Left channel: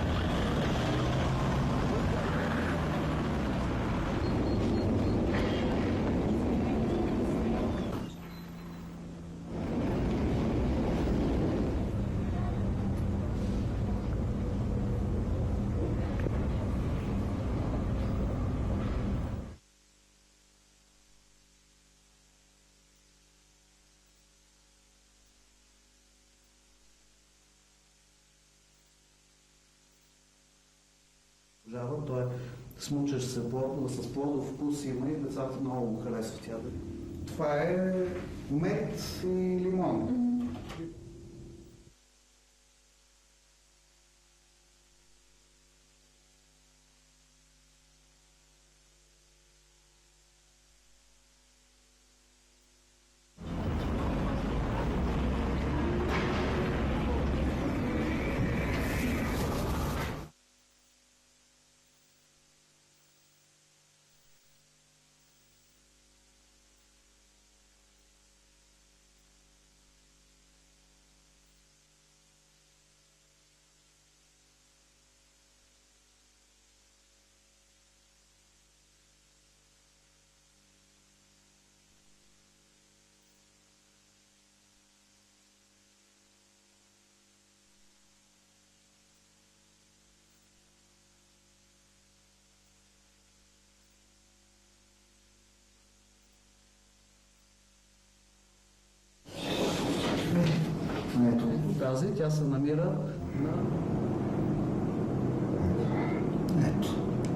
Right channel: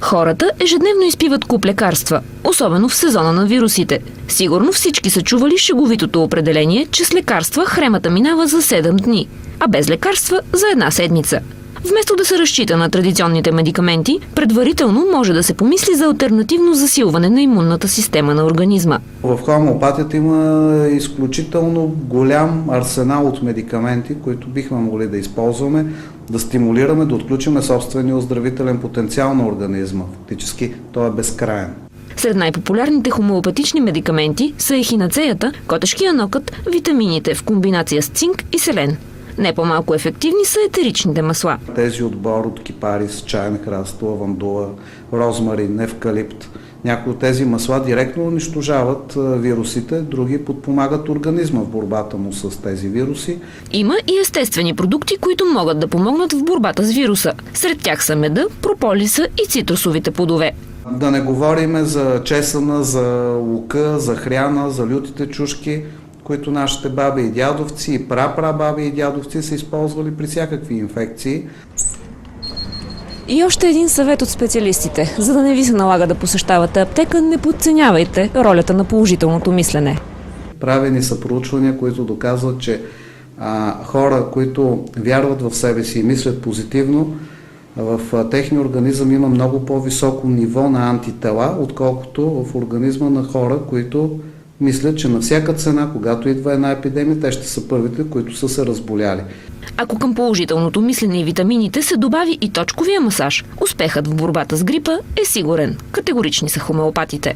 Хората ежедневно изпиват куп лекарства, особено в сезона на вирусите. Сигурно всички са чували шеговитото определение, че с лекарства хремата минава за 7 дни, а без лекарства за една седмица. Вместо да се разчита на традиционните медикаменти, предварително може да се помисли за алтернативно засилване на имунната система на организма. В хомеопатията има изключително голям арсенал от медикаменти, които бихме могли да използваме, да стимулираме, да отключим собствения оздравителен потенциал на организма. Фактически той е безкраен. Сред най-популярните хомеопатични медикаменти са ехинацеята, котешкия нокът, витамините в комбинация с цинк и селен. Не по-малко ефективни са етеричните масла. Тези отбор от кипарис, чаен храст, лавандула, розмарин, евкалипт. Някои от тези масла директно унищожават вирусите, други подпомагат организма в борбата му с тези вируси. Има и естествени продукти, които могат да помогнат в борбата с вируса. Сред тях са меда, прополиса и цитрусовите плодове. Да не говорим за чесъна, за лука, за хряна, за лютите чушки, които нашите баби и дядовци и прапрабаби и дядовци са използвали при всякакви инфекции. И още един съвет от специалистите. За да не ви се налага да посещавате аптека, не подценявайте ролята на положителното мислене. Правени са проучвания, които доказват, че хора, които вярват в себе си и мислят позитивно, в техния организъм има много по-високо ниво на антитела, отколкото в организма на хора, които мислят, че на всяка цена, когато идва една епидемия, те ще са първите, които са се разболяли. Ако към положителното мислене и витамините се добави и точковия масаж, успехът в борбата с грипа е сигурен. Категорични са хомеопатите.